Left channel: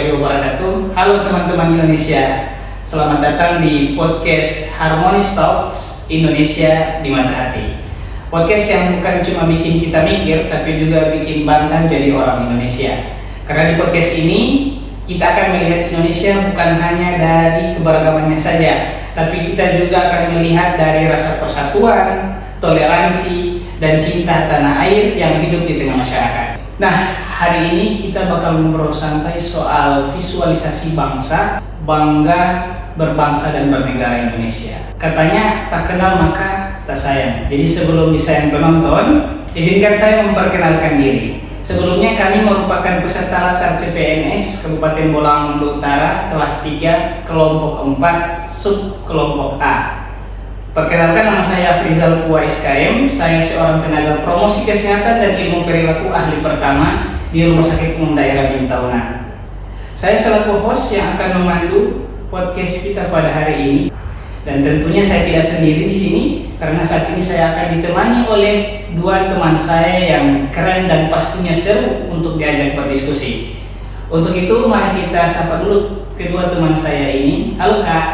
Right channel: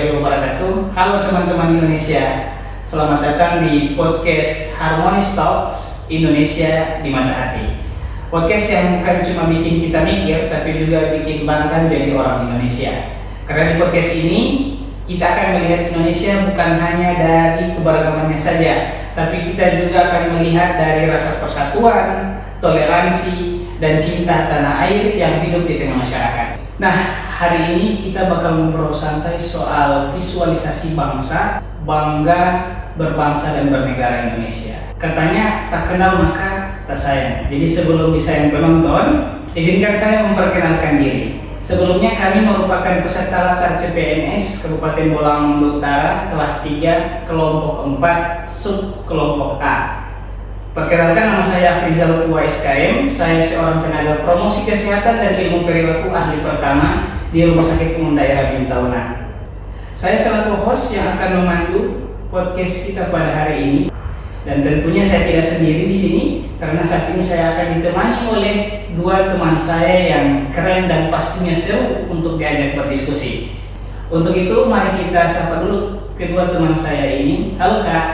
warahmatullahi wabarakatuh. Halo teman-teman Indonesia, selamat datang di podcast Harmonious Talks Indonesia di Mata Hati. Podcast yang bukan cuma bikin kita mikir, tapi juga bikin bangga jadi orang Indonesia. Karena di podcast ini kita akan melihat Indonesia bukan hanya dari keberagamannya saja, tapi kita juga akan melihat dari rasa persatuan, toleransi, dan cinta tanah air yang hidup di tengah masyarakat. Nah, hari ini kita bakal ngobrol santai soal visualisasi bangsa, bangga berbangsa dan bernegara Indonesia. Katanya tak kenal maka tak sayang. Jadi sebelum disayang penonton, izinkan saya memperkenalkan diri. Sebelumnya kami merupakan peserta Latsar CPNS Kabupaten Bolang Mongondo Utara kelas 3 kelompok 4 sub kelompok A. Perkenalkan, nama saya Afrizal Pua SKM. Saya seorang tenaga promosi kesehatan dan ilmu perilaku ahli pertama di Rumah Sakit Umum Daerah Bintauna. Saya selaku host yang akan memandu podcast kita pada hari ini. Dan tentunya saya tidak sendiri di sini karena saat ini saya akan ditemani oleh dua teman saya yang keren dan pastinya seru untuk diajak berdiskusi. Untuk itu mari kita sapa dulu kedua teman saya ini. Halo Kak.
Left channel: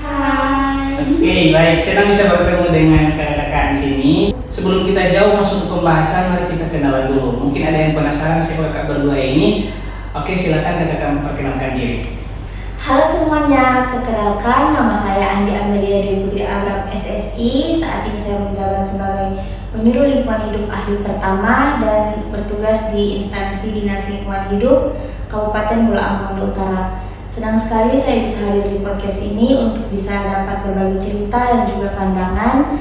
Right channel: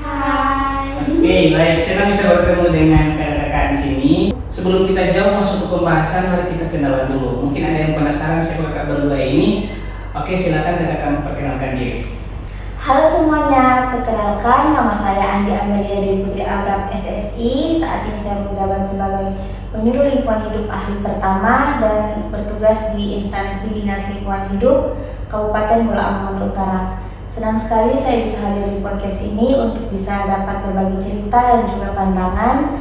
Hai. Oke, baik. Senang bisa bertemu dengan kakak-kakak di sini. Sebelum kita jauh masuk ke pembahasan, mari kita kenalan dulu. Mungkin ada yang penasaran siapa kakak berdua ini. Oke, silakan kakak memperkenalkan diri. Halo semuanya, perkenalkan nama saya Andi Amelia Dewi Putri Abraham SSI. Saat ini saya menjabat sebagai penyuluh lingkungan hidup ahli pertama dan bertugas di instansi Dinas Lingkungan Hidup Kabupaten Bolang Mongondo Utara. Senang sekali saya bisa hadir di podcast ini untuk bisa dapat berbagi cerita dan juga pandangan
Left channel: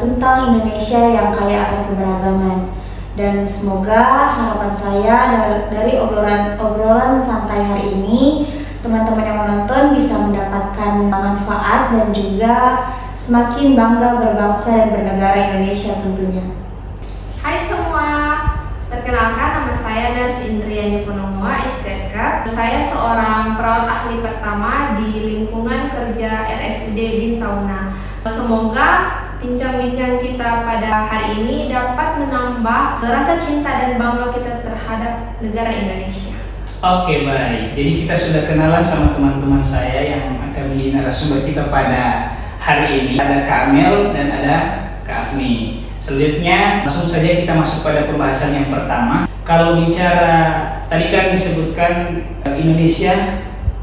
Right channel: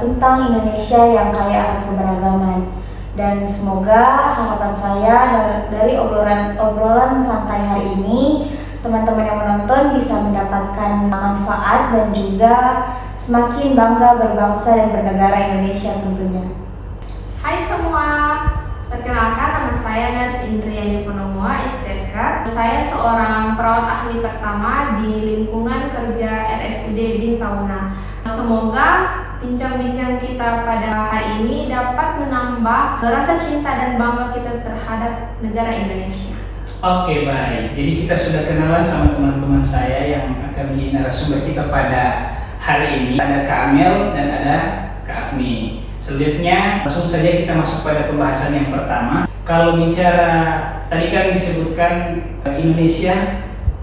tentang Indonesia yang kaya akan keberagaman. Dan semoga harapan saya dari obrolan santai hari ini, teman-teman yang menonton bisa mendapatkan manfaat dan juga semakin bangga berbangsa dan bernegara Indonesia tentunya. Hai semua, perkenalkan nama saya Nels Indriani Ponomoa STK. Saya seorang perawat ahli pertama di lingkungan kerja RSUD Bintauna. Semoga bincang-bincang kita pada hari ini dapat menambah rasa cinta dan bangga kita terhadap negara Indonesia. Oke, baik. Jadi kita sudah kenalan sama teman-teman saya yang akan menjadi narasumber kita pada hari ini. Ada Kak Amel dan ada Kak Afni. Selanjutnya langsung saja kita masuk pada pembahasan yang pertama. Kalau bicara tadi kan disebutkan Indonesia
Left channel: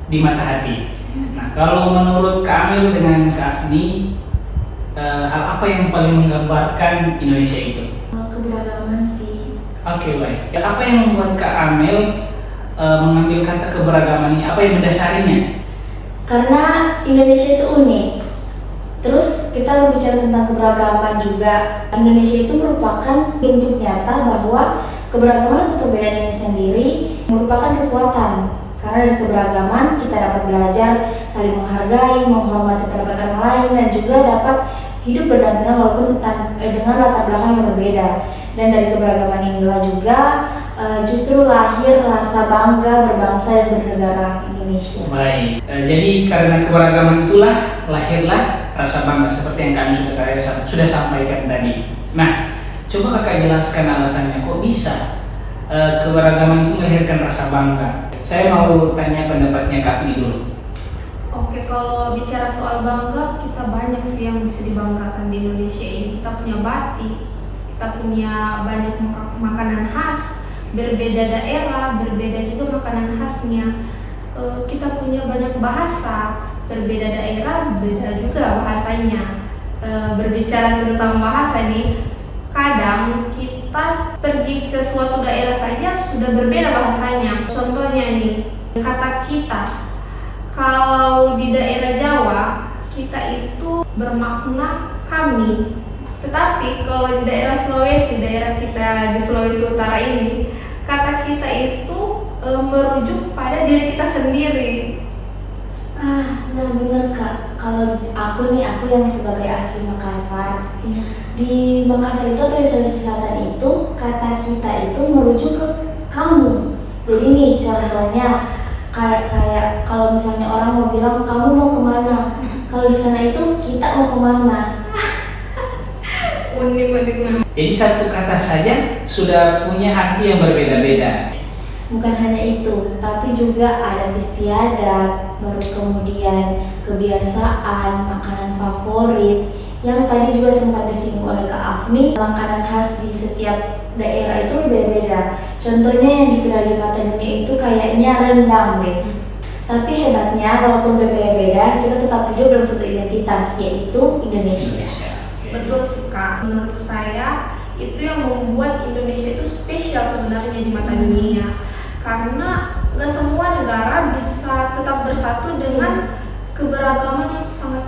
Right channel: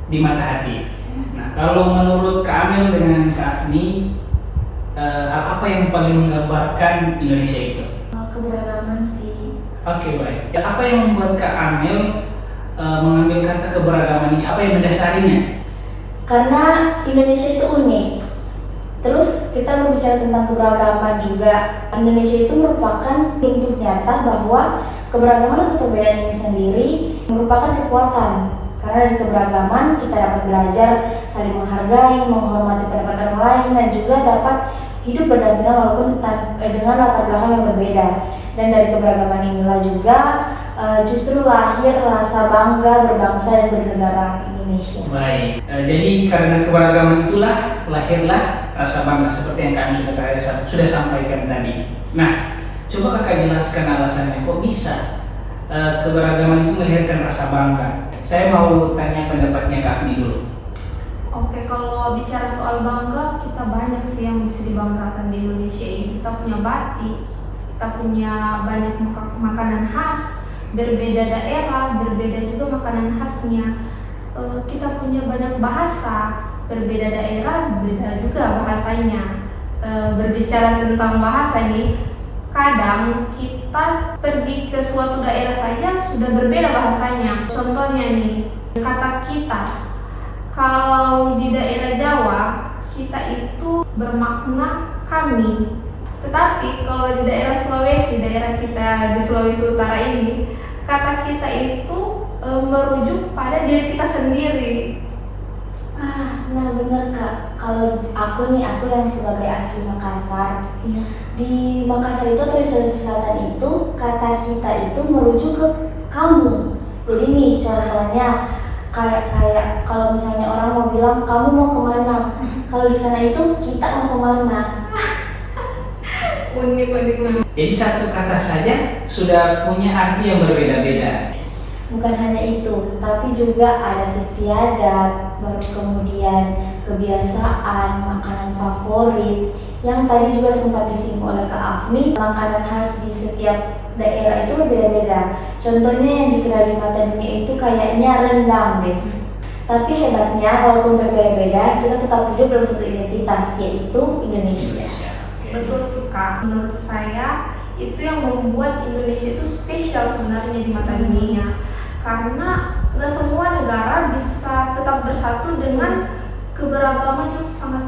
di mata hati. Nah, kalau menurut Kak Amel dengan Kak Afni, apa yang paling menggambarkan Indonesia itu? Keberagaman sih. Oke, baik. Ya, apa yang membuat Kak Amel mengambil kata keberagaman ini? Apa yang mendasarinya? Karena Indonesia itu unik. Terus kita berbicara tentang keberagaman juga. Indonesia itu merupakan bentuk nyata bahwa keberagaman atau perbedaan ini sendiri merupakan kekuatan. Karena dari keberagaman kita dapat belajar saling menghargai, menghormati pendapat orang lain, dan juga dapat hidup berdampingan walaupun dengan latar belakang yang berbeda. Dan dari keberagaman inilah juga justru lahir rasa bangga berbangsa dan bernegara Indonesia. Baik, jadi karena keberagaman itulah lahirlah rasa bangga seperti yang kami sudah sampaikan tadi. Nah, coba kakak jelaskan alasannya kok bisa keberagaman itu melahirkan rasa bangga. Saya mau tanya pendapatnya Kak Afni dulu. Oke, kalau bicara soal bangga, kita banyak sih yang bisa dibanggakan di Indonesia ini. Kita punya batik, kita punya banyak makanan khas, berbeda daerah, berbeda juga makanan khasnya. Kita punya banyak bahasa, berbeda daerah, beda juga bahasanya. Berbicara tentang bahasa nih, kadang kita pergi ke suatu daerah saja sudah berbeda bahasanya. Contohnya nih, kata kita. Kalau di daerah Jawa, kita itu bermakna kami. Tetapi kalau di daerah Sulawesi, daerah kita di Sulawesi Utara ini, kata kita itu merujuk pada diri kita sendiri. Nah bener Kak, kalau aku yang sebagai asli Makassar, di Makassar itu atau di Sulawesi Selatan itu, kata kita itu merujuk ke kamu. Jadi nih contohnya, kayak kalau misalnya orang mau bilang kamu mau kemana, kalau di sana itu kita mau kemana. Unik. Jadi satu kata saja sudah punya arti yang berbeda-beda. Bukan hanya itu, tapi juga adat istiadat, baru kemudian kebiasaan, makanan favorit. Yang tadi juga sempat disinggung oleh Kak Afni, makanan khas di setiap daerah itu berbeda-beda. Contohnya yang dikenal di mata dunia itu kayaknya rendang deh. Tapi hebatnya walaupun berbeda-beda, kita tetap hidup dalam satu identitas, yaitu Indonesia. Betul sih Kak, menurut saya itu yang membuat Indonesia itu spesial sebenarnya di mata dunia. Karena nggak semua negara bisa tetap bersatu dengan keberagaman yang sangat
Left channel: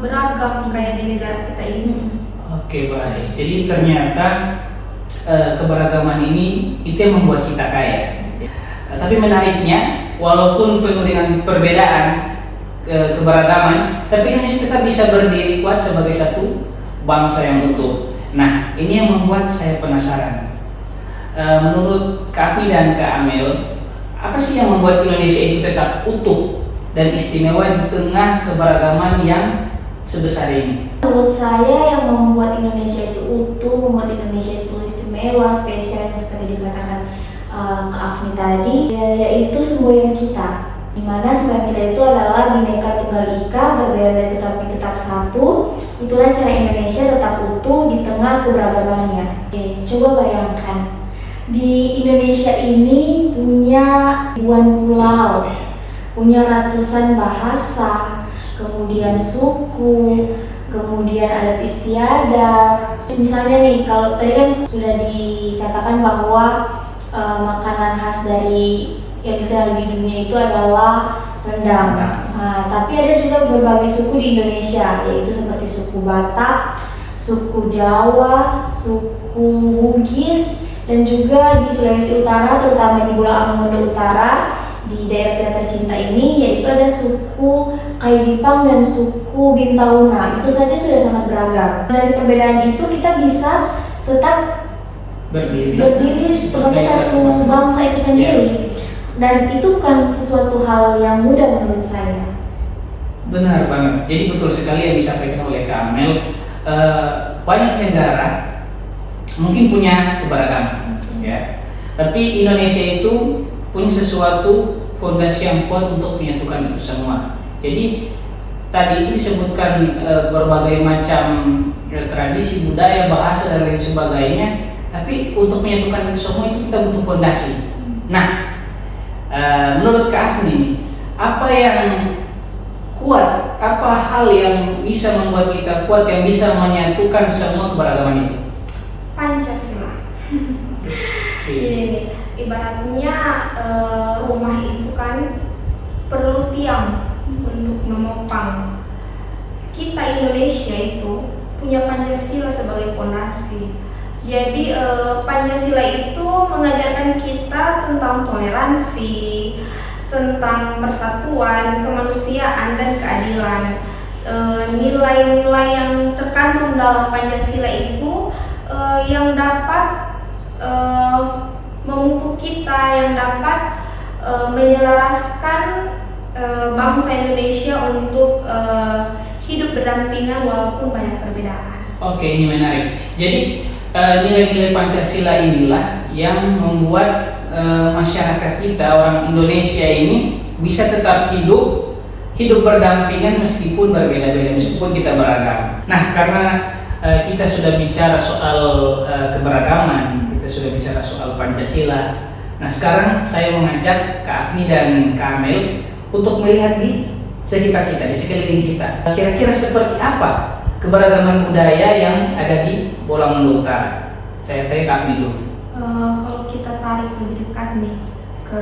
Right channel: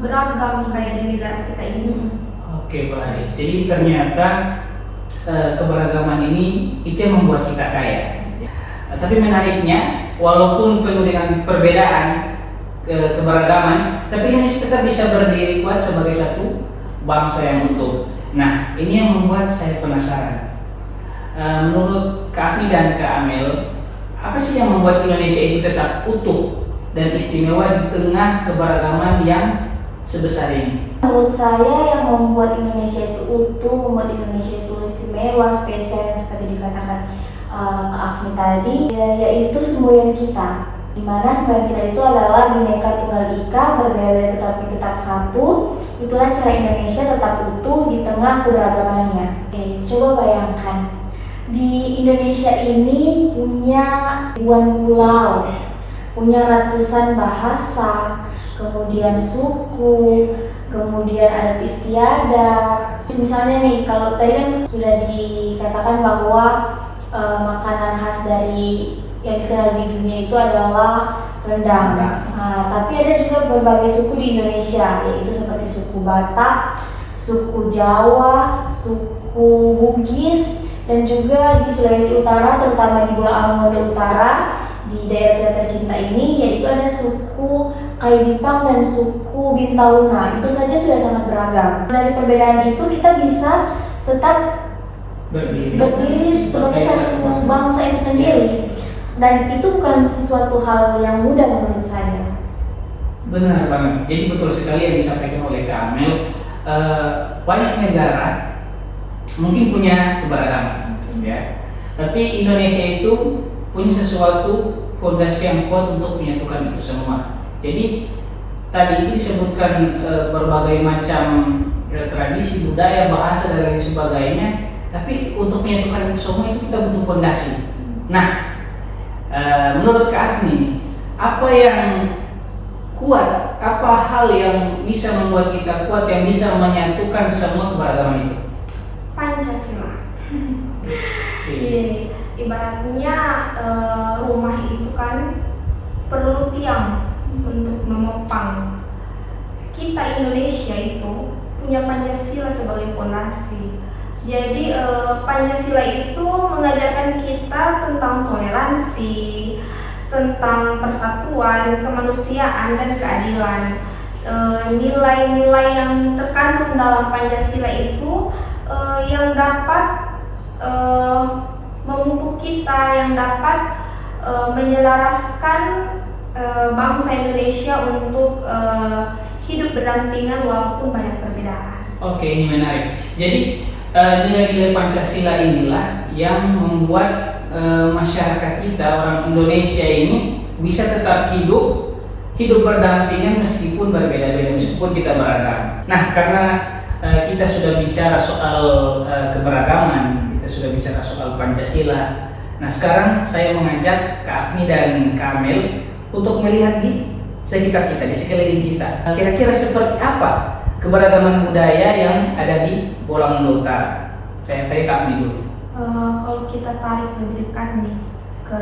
beragam kayak di negara kita ini. Oke, baik. Jadi ternyata keberagaman ini itu yang membuat kita kaya. Tapi menariknya, walaupun penuh dengan perbedaan keberagaman, tapi Indonesia tetap bisa berdiri kuat sebagai satu bangsa yang utuh. Nah, ini yang membuat saya penasaran. Menurut Kak Afni dan Kak Amel, apa sih yang membuat Indonesia itu tetap utuh dan istimewa di tengah keberagaman yang sebesar ini? Menurut saya yang membuat Indonesia itu utuh, membuat Indonesia itu istimewa, spesial yang seperti dikatakan Kak Afni tadi, yaitu semboyan kita. Dimana semboyan kita itu adalah Bhinneka Tunggal Ika, berbeda-beda tetapi tetap satu. Itulah cara Indonesia tetap utuh di tengah keberagamannya. Oke, coba bayangkan, di Indonesia ini punya ribuan pulau, punya ratusan bahasa, kemudian suku, kemudian adat istiadat. Misalnya nih, kalau tadi kan sudah dikatakan bahwa makanan khas dari yang dikenal di dunia itu adalah rendang. Nah, tapi ada juga berbagai suku di Indonesia, yaitu seperti suku Batak, suku Jawa, suku Bugis, dan juga di Sulawesi Utara, terutama di Pulau Mongondo Utara, di daerah kita tercinta ini, yaitu ada suku Kaidipang dan suku Bintauna. Itu saja sudah sangat beragam. Dari perbedaan itu kita bisa tetap berdiri sebagai satu bangsa itu sendiri. Dan itu bukan sesuatu hal yang mudah menurut saya. Benar banget. Jadi betul sekali yang disampaikan oleh Kak Amel. Banyak negara mungkin punya keberagaman, ya. Tapi Indonesia itu punya sesuatu fondasi yang kuat untuk menyatukan itu semua. Jadi tadi itu disebutkan berbagai macam tradisi, budaya, bahasa dan lain sebagainya. Tapi untuk menyatukan itu semua itu kita butuh fondasi. Nah, menurut Kak Afni, apa yang kuat, apa hal yang bisa membuat kita kuat, yang bisa menyatukan semua keberagaman itu? Pancasila. Ini ibaratnya rumah itu kan perlu tiang untuk menopang. Kita Indonesia itu punya Pancasila sebagai fondasi. Jadi Pancasila itu mengajarkan kita tentang toleransi, tentang persatuan, kemanusiaan dan keadilan. Nilai-nilai yang terkandung dalam Pancasila itu yang dapat memupuk kita, yang dapat menyelaraskan bangsa Indonesia untuk hidup berdampingan walaupun banyak perbedaan. Oke, ini menarik. Jadi nilai-nilai Pancasila inilah yang membuat masyarakat kita, orang Indonesia ini bisa tetap hidup berdampingan meskipun berbeda-beda, meskipun kita beragam. Nah, karena kita sudah bicara soal keberagaman, kita sudah bicara soal Pancasila. Nah, sekarang saya mengajak Kak Afni dan Kak Amel untuk melihat di sekitar kita, di sekeliling kita. Kira-kira seperti apa keberagaman budaya yang ada di Bola Mongondo Utara? Saya tanya Kak Afni dulu. Kalau kita tarik lebih dekat nih ke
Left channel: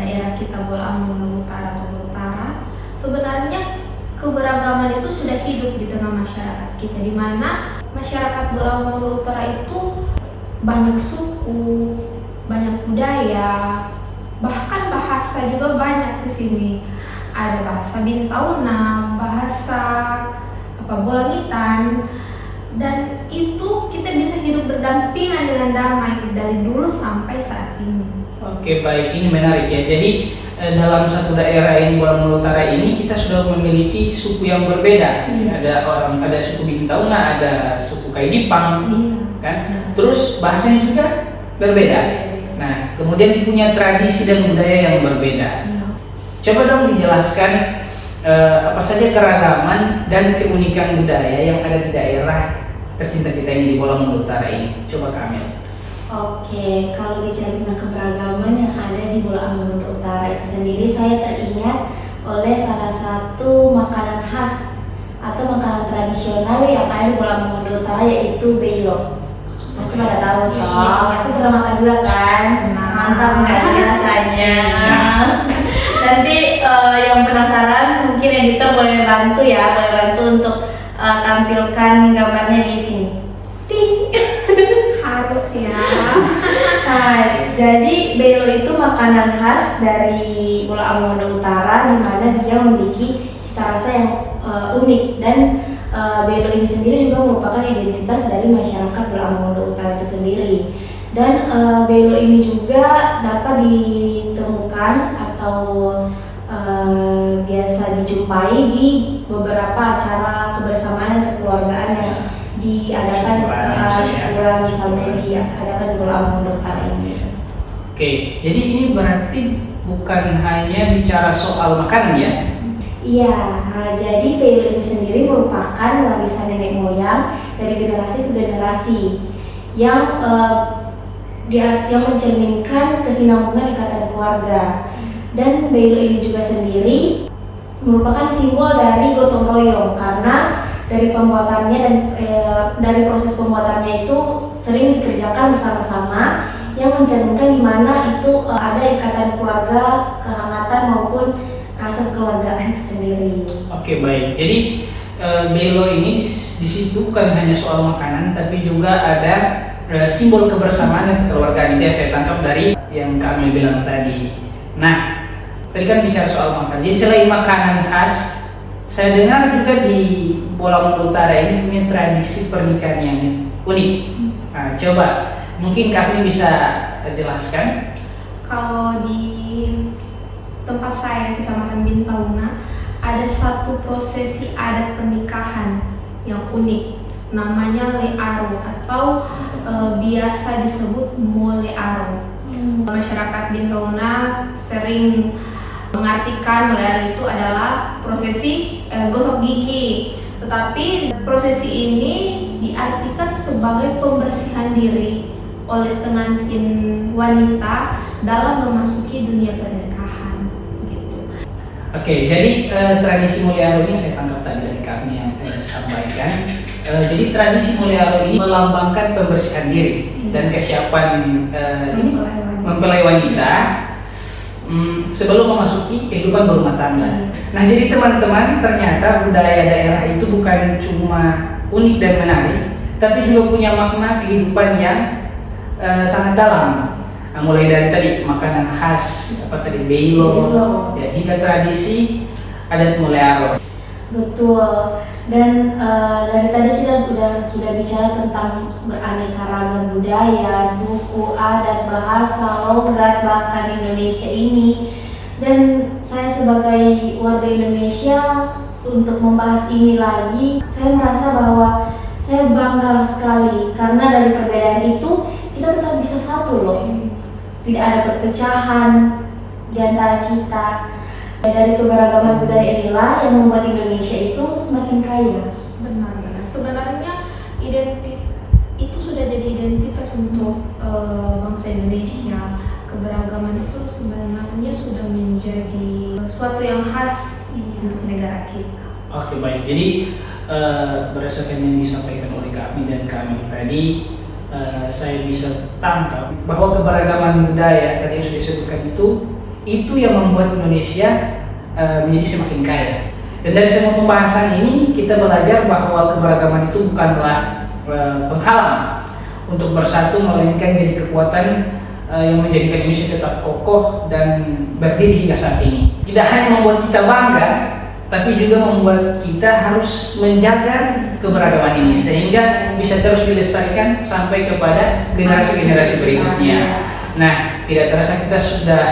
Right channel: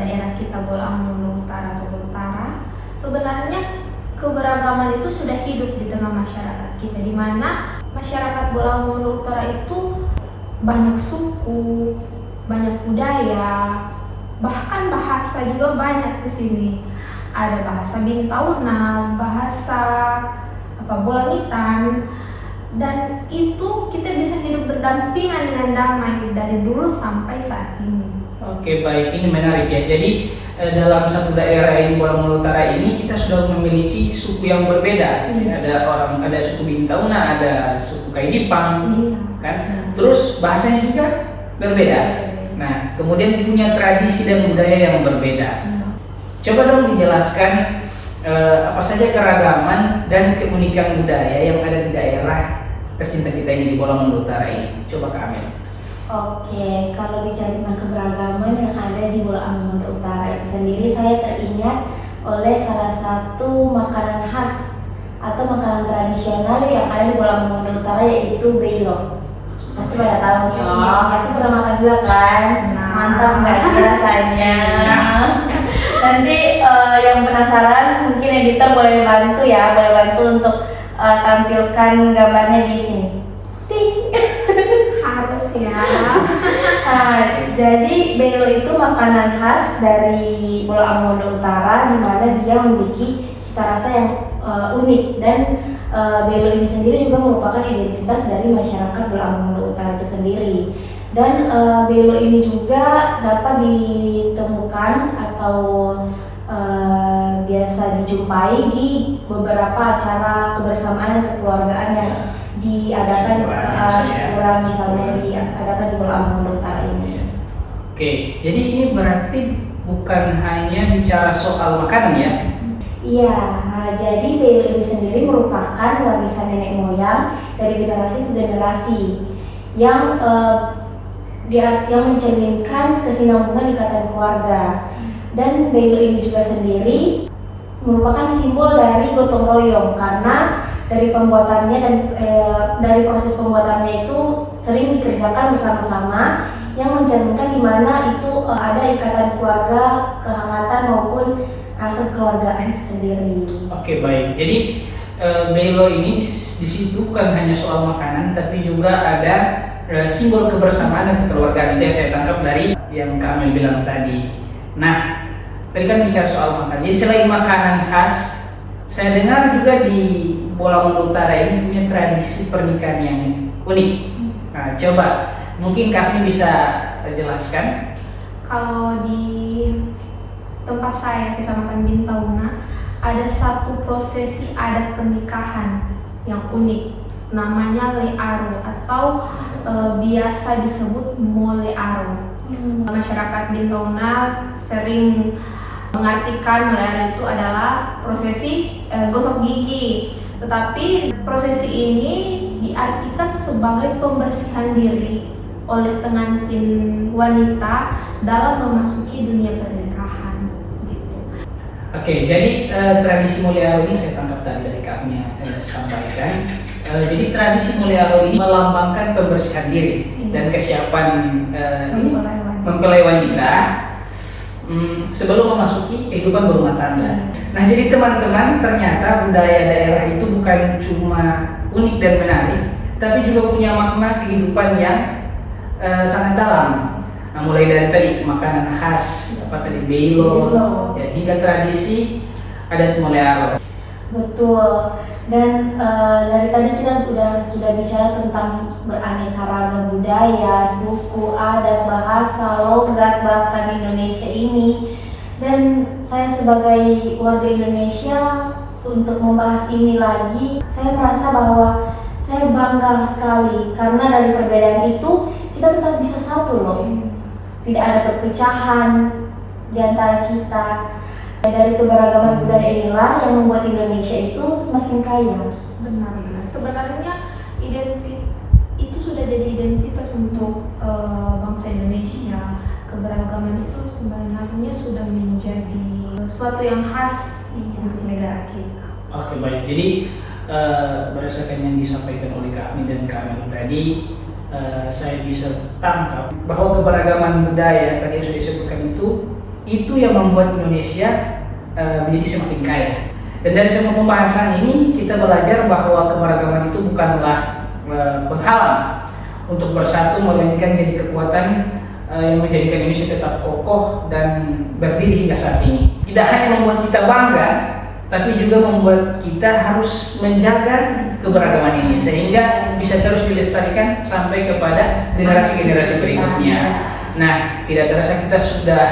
daerah kita Bola Mongondo Utara atau Utara, sebenarnya keberagaman itu sudah hidup di tengah masyarakat kita, di mana masyarakat Bola Mongondo Utara itu banyak suku, banyak budaya, bahkan bahasa juga banyak di sini. Ada bahasa Bintauna, bahasa Bolangitan, dan itu kita bisa hidup berdampingan dengan damai dari dulu sampai saat ini. Oke, baik, ini menarik ya. Jadi dalam satu daerah ini Bola Mongondo Utara ini kita sudah memiliki suku yang berbeda. Ada suku Bintauna, ada suku Kaidipang, kan? Terus bahasanya juga berbeda. Nah, kemudian punya tradisi dan budaya yang berbeda. Coba dong dijelaskan apa saja keragaman dan keunikan budaya yang ada di daerah tercinta kita ini di Bola Mongondo Utara ini. Coba Kak Amel. Oke, kalau bicara tentang keberagaman yang ada di Bola Mongondo Utara itu sendiri, saya teringat oleh salah satu makanan khas atau makanan tradisional yang ada di Bola Mongondo Utara, yaitu belo. Pasti pada tahu toh, pasti pernah makan juga kan? Mantap nggak sih rasanya? Nanti yang penasaran mungkin editor boleh bantu ya, boleh bantu untuk tampilkan gambarnya di sini. Harus ya. Nah, jadi belo itu makanan khas dari Bola Mongondo Utara, di mana dia memiliki cita rasa yang unik, dan belo ini sendiri juga merupakan identitas dari masyarakat Bola Mongondo Utara itu sendiri. Dan belo ini juga dapat ditemukan atau biasa dijumpai di beberapa acara kebersamaan dan kekeluargaan yang diadakan syukuran misalnya diadakan di Bola Mongondo Utara ini. Oke, jadi ini berarti bukan hanya bicara soal makanan ya? Iya, nah, jadi belo ini sendiri merupakan warisan nenek moyang dari generasi ke generasi yang mencerminkan kesinambungan ikatan keluarga. Dan belo ini juga sendiri merupakan simbol dari gotong royong, karena dari pembuatannya dan dari proses pembuatannya itu sering dikerjakan bersama-sama, yang mencerminkan di mana itu ada ikatan keluarga, kehangatan maupun rasa kekeluargaan itu sendiri. Oke, baik. Jadi belo ini di situ bukan hanya soal makanan, tapi juga ada simbol kebersamaan dan kekeluargaan. Itu yang saya tangkap dari yang Kak Amel bilang tadi. Nah, tadi kan bicara soal makanan. Jadi selain makanan khas, saya dengar juga di Bola Mongondo Utara ini punya tradisi pernikahan yang unik. Nah, coba mungkin Kak Afni bisa jelaskan. Kalau di tempat saya, Kecamatan Bintauna, ada satu prosesi adat pernikahan yang unik, namanya learo atau biasa disebut molearo. Masyarakat Bintauna sering mengartikan molearo itu adalah prosesi gosok gigi, tetapi prosesi ini diartikan sebagai pembersihan diri oleh pengantin wanita dalam memasuki dunia pernikahan. Gitu. Oke, jadi tradisi molearo ini saya tangkap tadi dari Kak Afni yang sampaikan. Jadi tradisi molearo ini melambangkan pembersihan diri dan kesiapan mempelai wanita sebelum memasuki kehidupan berumah tangga. Nah, jadi teman-teman, ternyata budaya daerah itu bukan cuma unik dan menarik, tapi juga punya makna kehidupan yang sangat dalam. Nah, mulai dari tadi makanan khas, apa tadi belo, ya, hingga tradisi adat molearo. Betul. Dan dari tadi kita sudah bicara tentang beraneka ragam budaya, suku, adat, bahasa, logat, bahkan Indonesia ini. Dan saya sebagai warga Indonesia, untuk membahas ini lagi, saya merasa bahwa saya bangga sekali, karena dari perbedaan itu kita tetap bisa satu loh. Tidak ada perpecahan di antara kita. Dari keberagaman budaya inilah yang membuat Indonesia itu semakin kaya. Benar-benar. Sebenarnya itu sudah jadi identitas untuk bangsa Indonesia. Keberagaman itu sebenarnya sudah menjadi sesuatu yang khas untuk negara kita. Oke, baik. Jadi berdasarkan yang disampaikan oleh Kak Afni dan Kak Amel tadi, saya bisa tangkap bahwa keberagaman budaya tadi yang sudah disebutkan itu yang membuat Indonesia menjadi semakin kaya. Dan dari semua pembahasan ini kita belajar bahwa keberagaman itu bukanlah penghalang untuk bersatu, melainkan jadi kekuatan yang menjadikan Indonesia tetap kokoh dan berdiri hingga saat ini. Tidak hanya membuat kita bangga, tapi juga membuat kita harus menjaga keberagaman ini sehingga bisa terus dilestarikan sampai kepada generasi-generasi berikutnya. Nah, tidak terasa kita sudah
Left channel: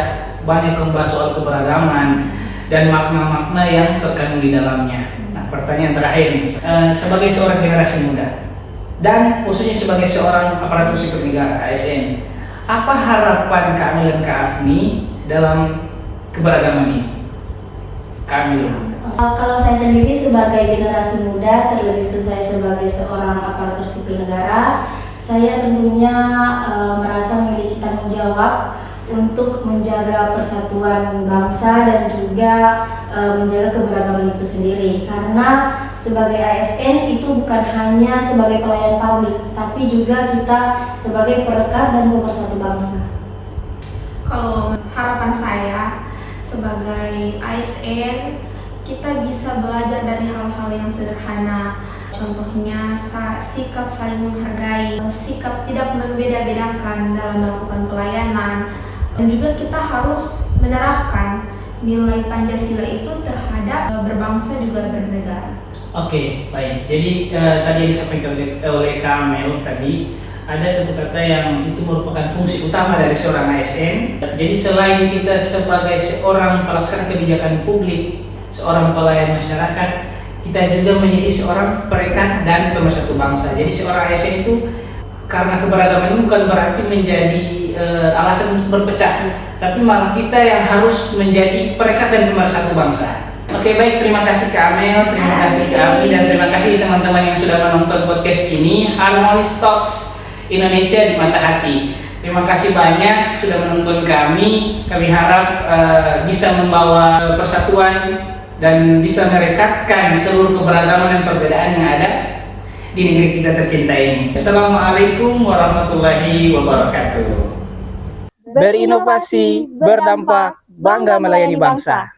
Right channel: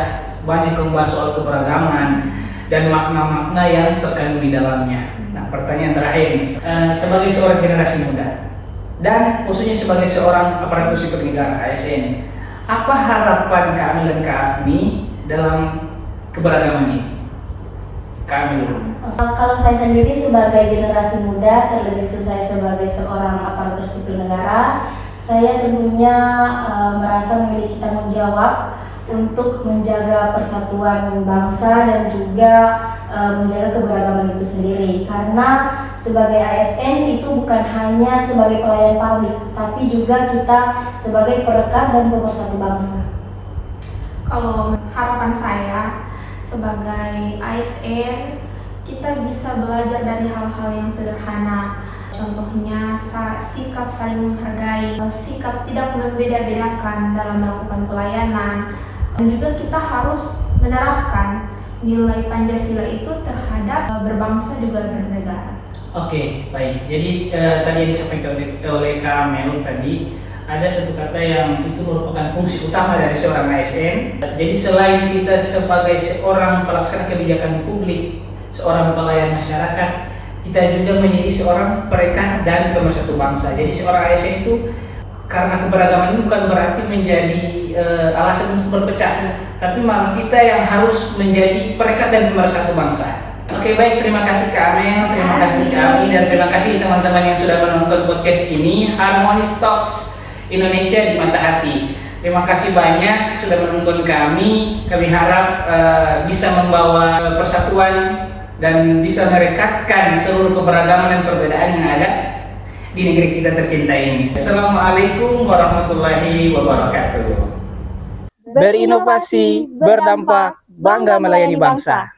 banyak membahas soal keberagaman dan makna-makna yang terkandung di dalamnya. Nah, pertanyaan terakhir, sebagai seorang generasi muda dan khususnya sebagai seorang aparatur sipil negara ASN, Apa harapan Kak Amel dan Kak Afni dalam keberagaman ini? Kak Amel. Kalau saya sendiri sebagai generasi muda, terlebih saya sebagai seorang aparatur sipil negara, saya tentunya merasa memiliki tanggung jawab untuk menjaga persatuan bangsa dan juga menjaga keberagaman itu sendiri. Karena sebagai ASN itu bukan hanya sebagai pelayan publik, tapi juga kita sebagai perekat dan pemersatu bangsa. Kalau harapan saya sebagai ASN, kita bisa belajar dari hal-hal yang sederhana. Contohnya sikap saling menghargai, sikap tidak membeda-bedakan dalam melakukan pelayanan. Dan juga kita harus menerapkan nilai Pancasila itu terhadap berbangsa juga bernegara. Oke, baik. Jadi tadi yang disampaikan oleh Kak Amel tadi, ada satu kata yang itu merupakan fungsi utama dari seorang ASN. Jadi selain kita sebagai seorang pelaksana kebijakan publik, seorang pelayan masyarakat, kita juga menjadi seorang perekat dan pemersatu bangsa. Jadi seorang ASN itu karena keberagaman ini bukan berarti menjadi alasan untuk berpecah, tapi malah kita yang harus menjadi perekat dan pemersatu bangsa. Oke, baik, terima kasih Kak Amel, terima kasih Kak Ami, dan terima kasih teman-teman yang sudah menonton podcast ini, Harmonis Talks Indonesia di Mata Hati. Terima kasih banyak sudah menonton kami. Kami harap bisa membawa persatuan dan bisa merekatkan seluruh keberagaman dan perbedaan yang ada di negeri kita tercinta ini. Assalamualaikum warahmatullahi wabarakatuh. Berinovasi, berdampak, bangga melayani bangsa.